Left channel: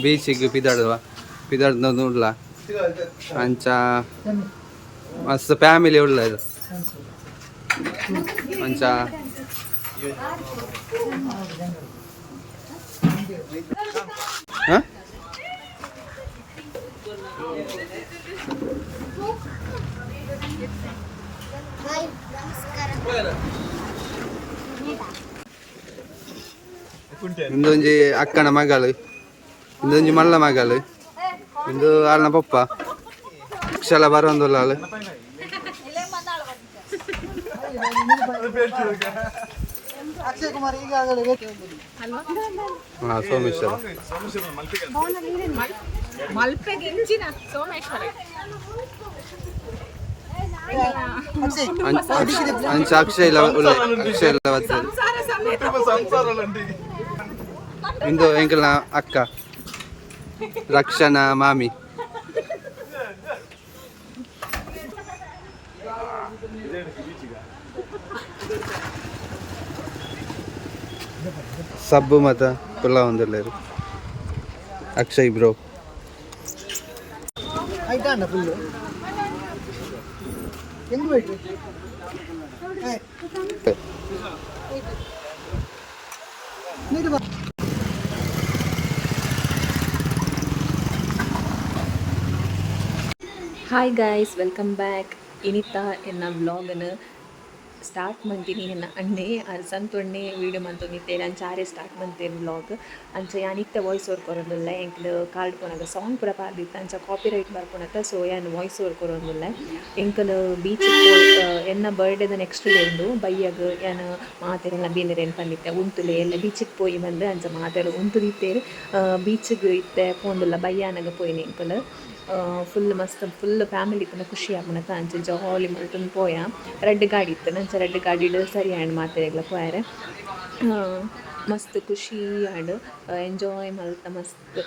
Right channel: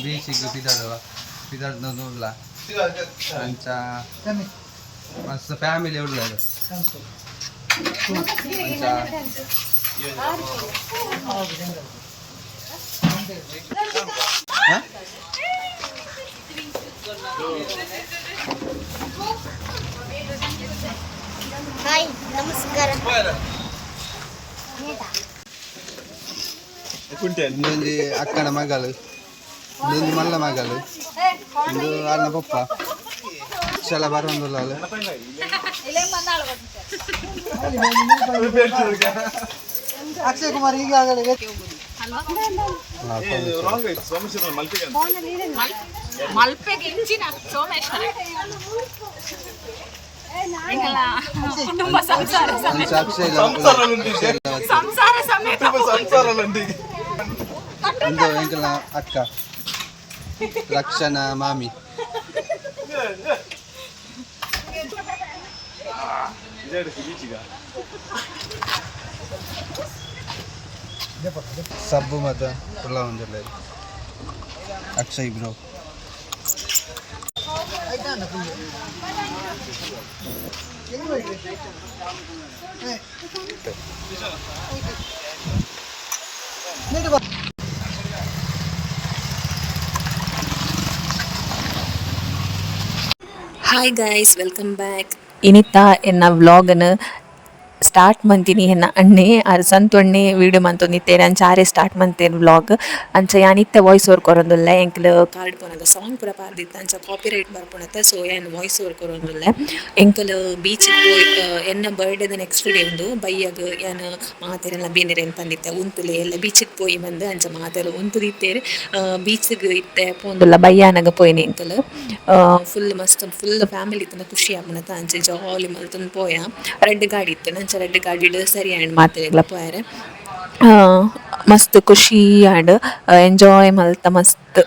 बीचिಗೆ पिदाड उरला आमचा मस्त फॅमिली उरला आमचा ಹಾಯ್ ನಮಸ್ಕಾರ ಇಂದೊಂಜಿ ಅಕ್ಕನ ಮಗಳು ಇಂದೊಂಜಿ ಮಲ್ಲ ಮಗಳು ಇಂದು ಆಲ್ನ ಪಪ್ಪ ಅಕ್ಷಲ ಬರೋಂದುಲ್ಲ ಅಲ್ಲ ಅಕ್ಷಯ್ ಕುಮಾರ್ ಈಗ ಅಲ್ವಾ ಹಾ ಸೋಮೇಶ್ವರ ಮಲ್ಪೆಗೆ ಹೆಂಚಿನ ಸೋಮೇಶ್ವರ ಅಕ್ಷಯ್ ಸಂಸಾರ ಸಮೇತ ಇಂದು ಎಂಕಲ್ನ ಅಕ್ಕ ರಕ್ಷಣಾ ಮಾಮಿ ಸಬ್ಬು ಮತ ಪುಲ್ಲ ಒಂದಿಲ್ಲೇರು ಅಕ್ಷಯ್ ಬ್ರೋ ಆಯ್ತಾ ಫುಲ್ಲು ಹೆಂಗ್ ಬಿಟ್ರಿ ಹಾಯ್ ಗೈಸ್ ವೆಲ್ಕಮ್ ಬ್ಯಾಕ್ ಇನಿತಾ ಎನ್ನ ವ್ಲಾಗನ್ನು ಸ್ಟಾರ್ಟ್ ಮಂತೀನಿ ಎನ್ನ ಅಣ್ಣೆ ಸಂತೊಣ್ಣೆ ವೀಡಿಯೋ ಮಂತೊಂದಿತ್ತೇನೆ ಅಂಚ ಆರೆ ಸ್ಟಾರ್ಟ್ ಮಂತೇನು ವ್ಲಾಗ್ ಅಂಚ ಯಾನಿತ್ತೆ ವಾಯ್ಸ್ ಓವರ್ ಕೊರೊಂದುಲ್ಲ ಎಂಕ್ಲ್ ಕಾರ್ಡ್ ಪೋನಗ ಸಾಂಗ್ ಪೂರ ಪಾರ್ದಿತ್ತ ಅಂಚ ಕಾಪಿರೈಟ್ ಬರ್ಪುಣತ್ತ ಸೊ ಏನ್ ವಾಯ್ಸ್ ಓವರ್ ಕೊರೊಂದುಲ್ಲ ಎಂಕಲ್ ಬೀಚಿಗೆ ಪೋಯ್ ಎನ್ನ ಬರ್ಡೇದ ನೆಕ್ಸ್ಟ್ ಡೇ ಉಂದು ಬೈಯಾಗ ಏನ್ ಮಾತೆರೆಲ್ಲ ಬೇನೆರೆ ಅಂತಂದಿತ್ತೆ ಉಂತುಲೆ ಎಲ್ಲ ಬೀಚಿಗೆ ಪೋಯಿ ಬಂದು ಅಂಚ ಮಾತೆರೆ ಉಂತುದಿತ್ತೇರು ಬೀಚಿಗೆ ಇತ್ತೆ ಪೋಂದುಲ್ಲ ಬಯ್ಯಾನಗ ಪೋಯ್ನೆ ಎಂಕಲ್ ಫುಲ್ ಮಸ್ತ್ ಫುಲ್ ಫ್ಯಾಮಿಲಿ ತನ ಖುಷಿ ಆಪುಣತ್ತ ಅಂಚೆ ಜಾಲಿ ಮಲ್ತೊಂದು ಪೋಯ ರೆಡ್ ಗಾಡಿ ಇತ್ತು ನಂಚ ರೆಡ್ ಗಾಡಿ ಸರಿ ಆ್ಯಂಡ್ ಮಾತೆಗ್ಲ ಪೋಯಾರೆ ಮಸ್ತ್ ಖುಷಿ ಆ್ಯಂಡ್ ಎಂಜಾಯ್ ಮಲ್ತ ಮಸ್ತ್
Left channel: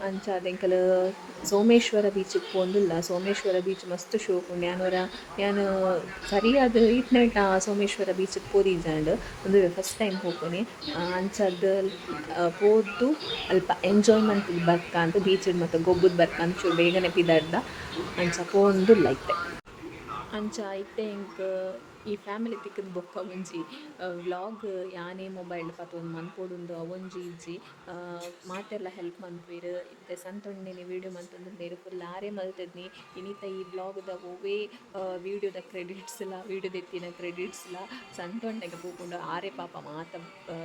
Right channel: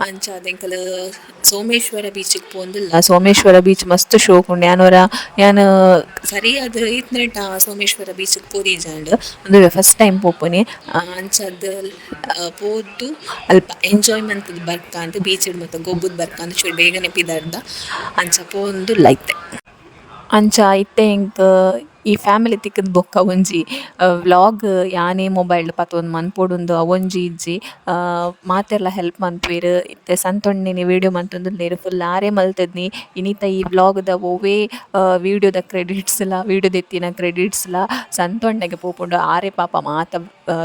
ಅಂಚ ಅದೆಂಕಲ್ ಸೋಮೇಶ್ವರ ಬೀಚಿಗೆ ಪೋಂದಿಲ್ಲ ಸೋಮೇಶ್ವರ ಬೀಚ್ ಮಸ್ತ್ ಶೋಕ್ ಉಂಡು ಯಾನು ಸರಿಯಾದ ಇತ್ನೆಟ ಸೋಮೇಶ್ವರ ಬೀಚಿಗೆ ಪೋದಿಜಾಂಡ್ ಒಂದು ಫಸ್ಟ್ ಟೈಮ್ ಪೋಪುನಿ ಅಂಚದ್ದು ಪೋದು ಅಲ್ಪ ಎಂಜಾಯ್ಮೆಂಟ್ ಬರ್ಕ ಅಂತ ಬೀಚಿಡ್ ಮತ್ತು ಗೊಬ್ಬದ ಬರ್ಕ ಅಂತ ಚೂರು ಬೇಗನೆ ಪಿದಾಡ್ದ ಅಂಚ ಪೋಂದು ಲೈತೆ ಅಂಚ ಇತ್ತೆ ಇಂಕ್ ಈ ಫ್ಯಾಮಿಲಿ ತಿಕ್ಕದ ಬೊಕ್ಕ ಒಂಜಿ ವ್ಲಾಗ್ ಯಾನೇ ಮೊಬೈಲ್ ಪತ್ತೊಂದು ಮನ್ಪೊಡುಂದು ಅವೊಂಜಿ ಇಜ್ಜಿ ಮಾತೆರ್ಲ ಹೆಲ್ಪ್ ಮನ್ಪುವೆರ್ ಇತ್ತೆ ಸಂತೊಣ್ಣೆನೆ ವೀಡಿಯೋ ಮಂತೊಂದುಲ್ಲೆರ್ ಫುಲ್ ಆರೆ ಮಲ್ತದ್ನಿ ಇನಿತ ಈ ವ್ಲಾಗ್ದ ಒವ್ವೇ ವೀಡಿಯೋದ ಕ್ರೆಡಿಟ್ಸ್ಲ ವೀಡಿಯೋದ ಎತ್ತಿನ ಕ್ರೆಡಿಟ್ಸ್ಲ ಸಂತೊಣ್ಣೆಗೆ ಪೋಪುಂಡು ಆರೆ ಪಾಪ ಮಾತ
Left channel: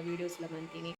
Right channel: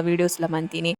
ವೀಡಿಯೋಸ್ಲ ಮಂತೀನಿ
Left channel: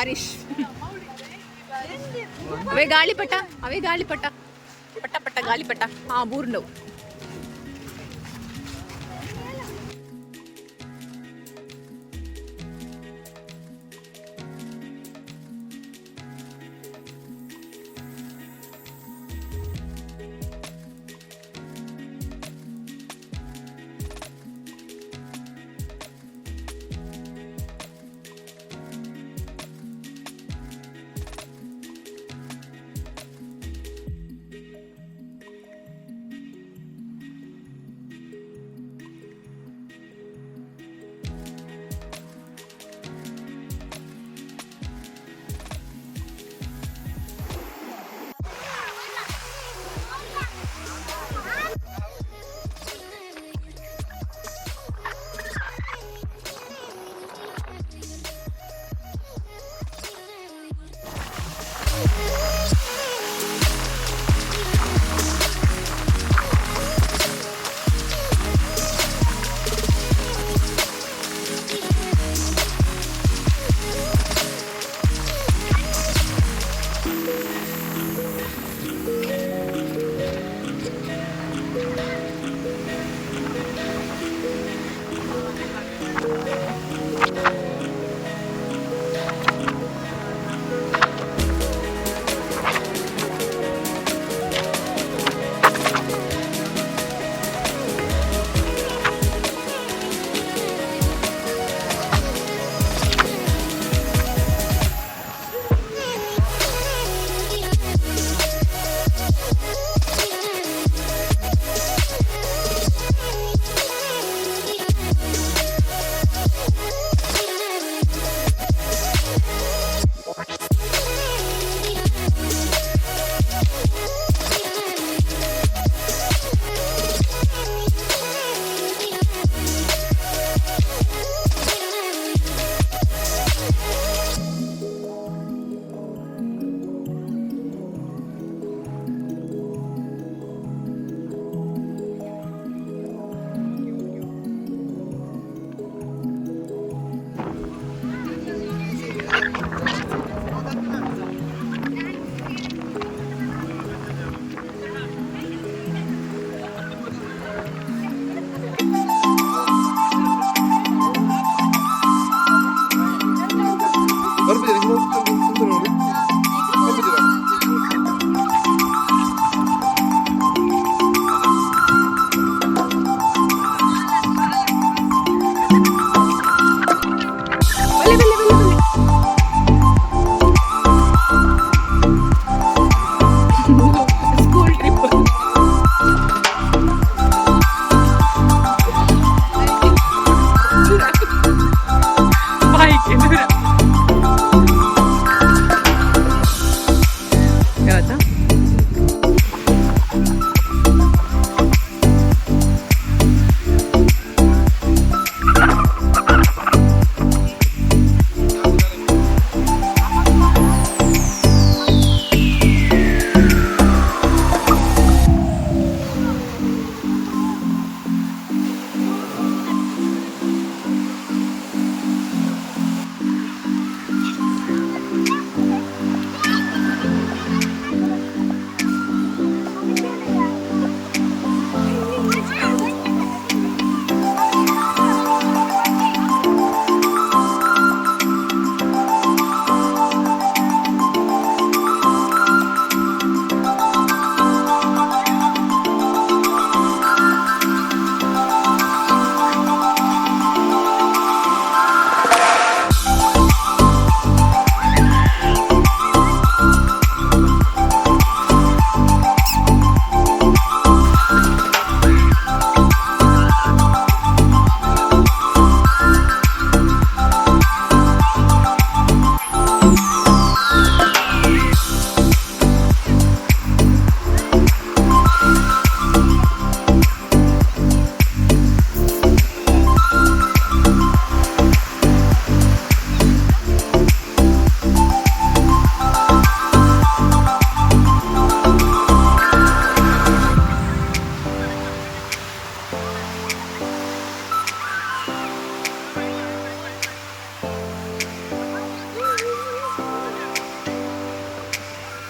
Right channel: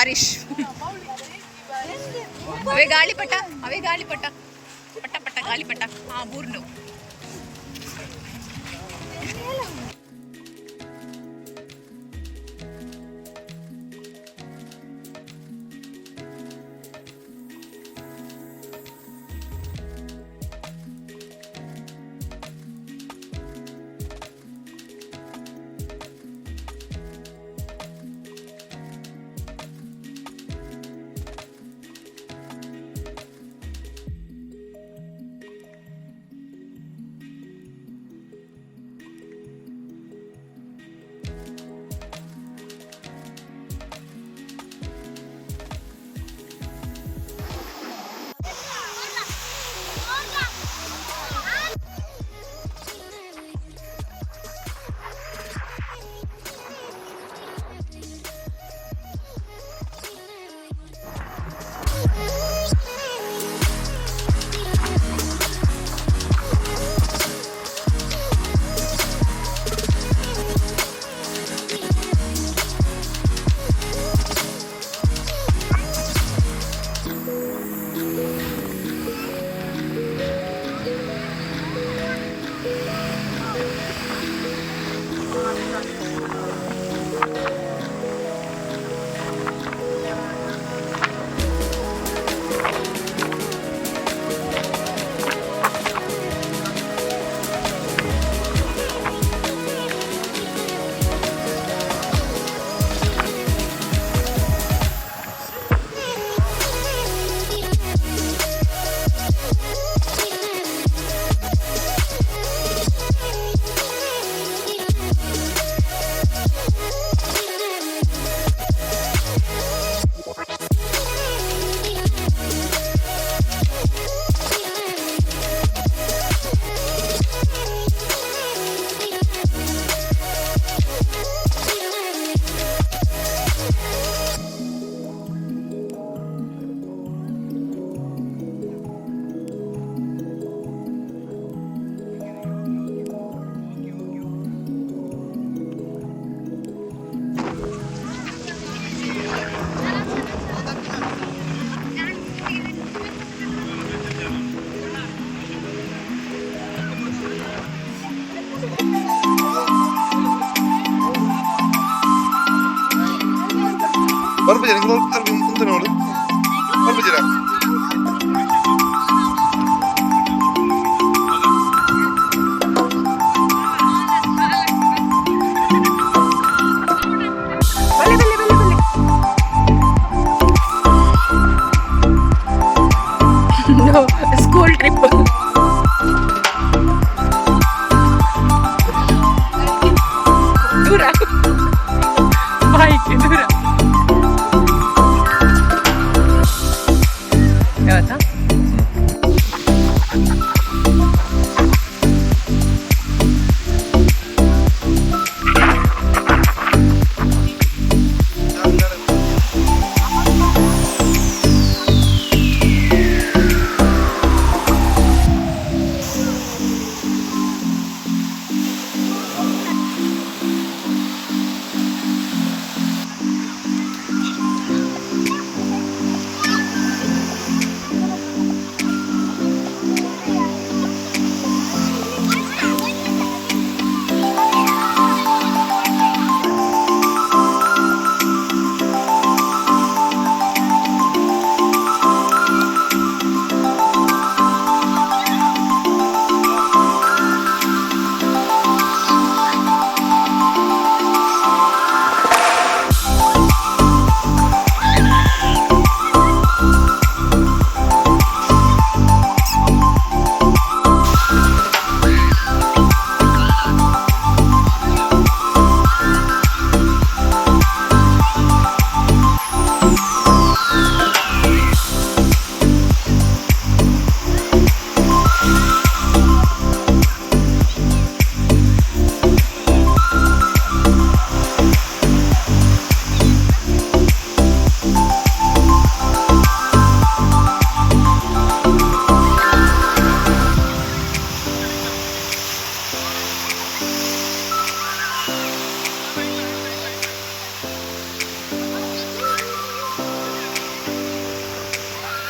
ಬಾರಿಶ್ ಅವೇ ಗಾಳಿಪಟ ಪಟ ಪಟ ಗಾಳಿಪಟ ಹಾ ಬೂರ್ನವು ಸ್ಕೂಲ್ ಟ್ರಿಪ್ ದೂರ ಬಾಯಿಗೆ ದೂರ ಯಾವತ್ತಾ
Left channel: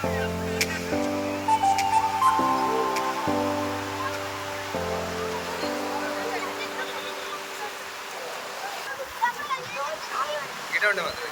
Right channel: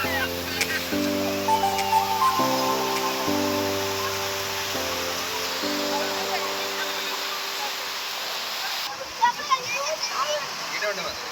ಗಿಡ ಉಂಟು ಮಾತ್ರ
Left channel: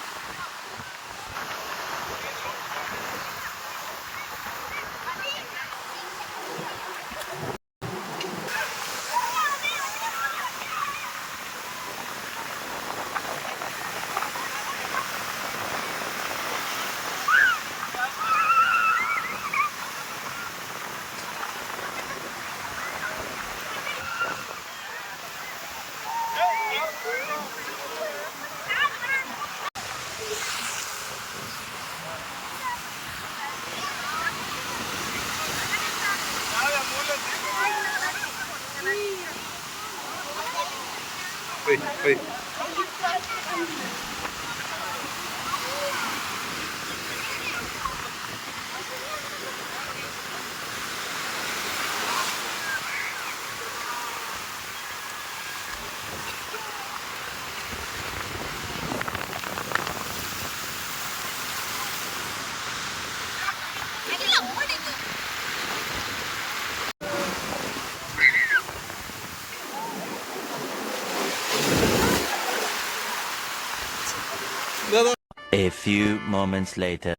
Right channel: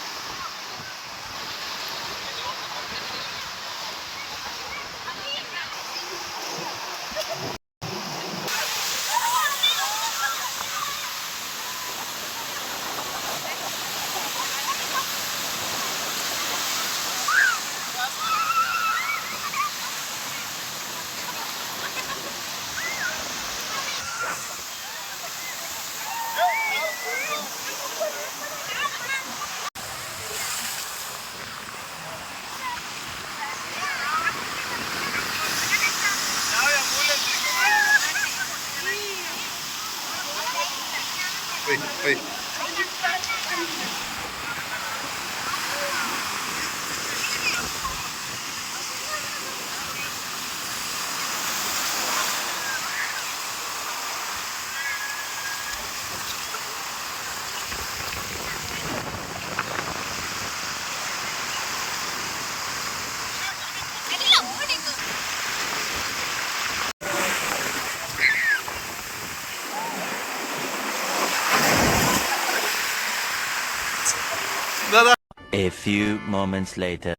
Wait. A few moments later.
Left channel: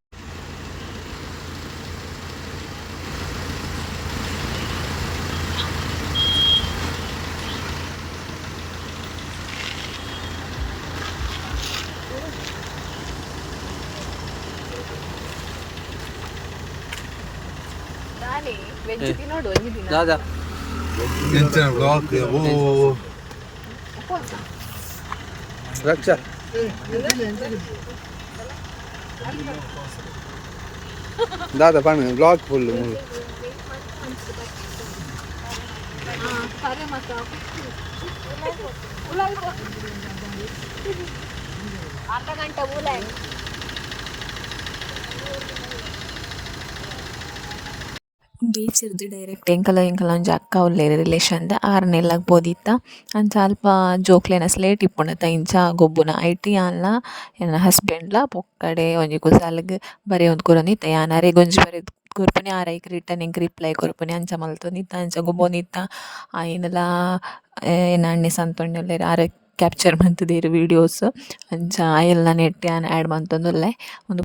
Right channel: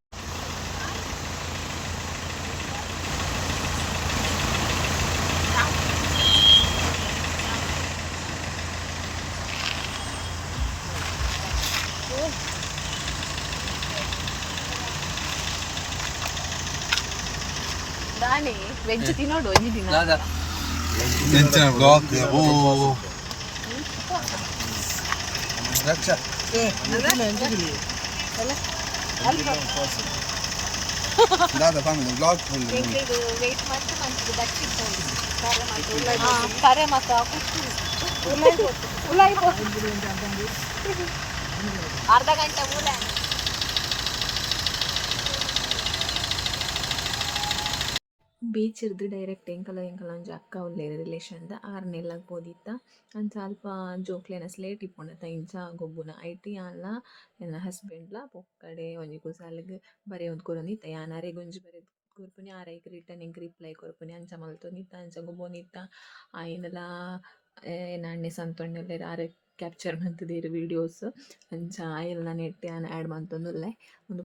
ದಾಳಿ ವೆಜ್ ತಿನ್ನೋಡು ಈ ದಿನ ದಾದಾ ಎಂಚಿನ ಬ್ಲಾಗ್ ಓ ರಕ್ಷಾ ದಾದಾ ಪಾಮಿ ಬ್ಲಾಗ್ ಫುಲ್ ವೇಟ್ ಮಾಡ್ತಾ ಮಂತದ ಬಚ್ಚಿ ಫೋನ್ ಕರೆ ಮತ್ತು ಕುಕ್ಕುರು ಅರ್ಧ ಗಂಟೆ ಮೂಲೆ ಬೀಚ್ ಇರ್ದು ಡೈರೆಕ್ಟ್ ಎಂಕಲ ಒಂಜಿ ಅಕ್ಕ ಉಲ್ಲೇರು ರಿಲೇಷನ್ದ ಆರ್ನೆಲ್ಲಾಗ್ ಬೋದಿತ್ತ ಅಂಚ ಅಲ್ಪ ಜೋಕ್ಲೆನ ಸ್ಲೇಟ್ ಇಪ್ಪುಂಡತ ಇಂಚ ಗೊಬ್ಬುನ ಐಟಿ ಆನ್ಲ ಎನ್ನ ಹಸ್ಬೆಂಡ್ಲ ಪೊಕ್ಕಡೆ ಒಂಜಿ ಕುಸಾಲ್ಗ್ ಬರೆ ಒಂದ್ ಕೊರೊಂದಿತ್ತ ಯಾನ್ ಅರೆಗೊಂಜಿ ಬರೆ ಕೊರ್ಪುನೆ ಆರೈಕ್ ರಿಟರ್ನ್ ಎಂಕ್ ರಿಪ್ಲೈ ಕೊರ್ಪುನೆ ಅಂಚ ಮಲ್ತೊಂದಿತ್ತ ಅಂಚ ಗೊಬ್ಬೊಂದಿತ್ತ ಆಯಿನಲ ಎನ್ನ ಅಣ್ಣೆ ಸಂತೊಂಡುಲ್ಲೆರ್ ಆರೆ ಕ್ಯಾಪ್ಚರ್ ಮಂತುದೆರ್ ವೀಡಿಯೋಸ್ ಅಂಚ ಆಯೆಲ್ಲ ನೆಟ್ ಯಾನ್ ಆ್ಯಡ್ ಮಂತೊಂದುಲ್ಲೆ ಒಂದು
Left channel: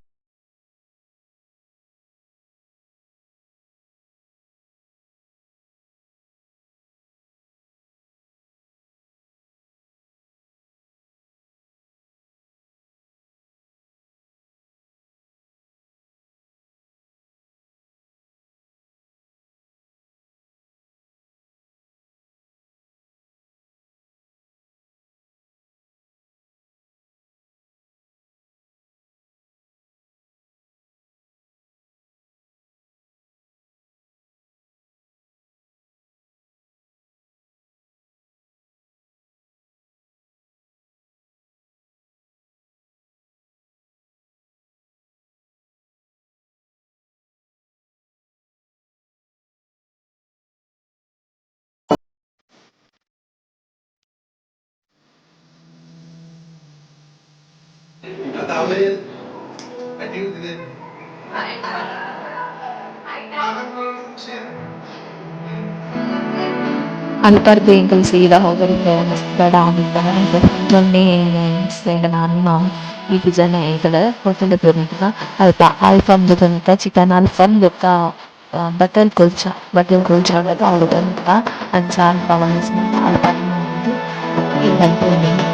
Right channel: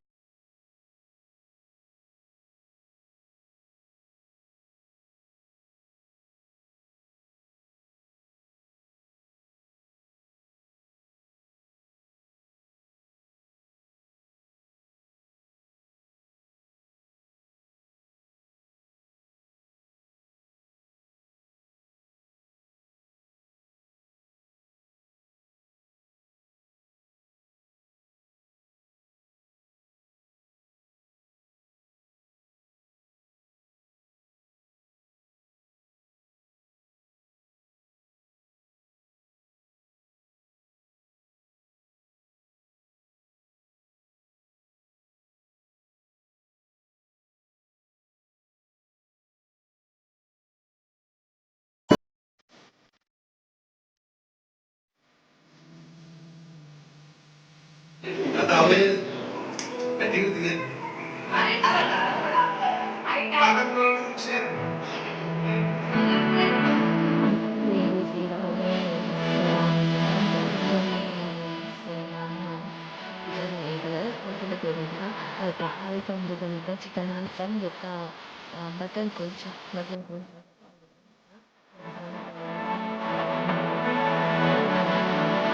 ಅಲ್ಪರ್ದು ಎಂಕಲ್ ಸೀದಾ ಹೋಗಲಿಲ್ಲ ಬೇಡ ಅಂತ ಮೊನ್ನೆ ಫ್ರೆಂಡ್ ನಾನು ಈಗ ಜನ ಎಂಕಲ್ ಹೋಟೆಲ್ ಬರುತ್ತ ಅಲ್ಪ ಅಲ್ಫಮ್ದು ಬಂತ ಚಿಕನ್ ಅಲ್ಫಮ್ ಬೊಕ್ಕ ಬಟರ್ ಕುಲ್ಚಾ ಅವಳು ಬಂತ ಅಂಚ ಅಲ್ಪ ಅಲ್ಫಮ್ ಇಲ್ಲ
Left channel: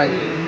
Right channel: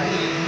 Right.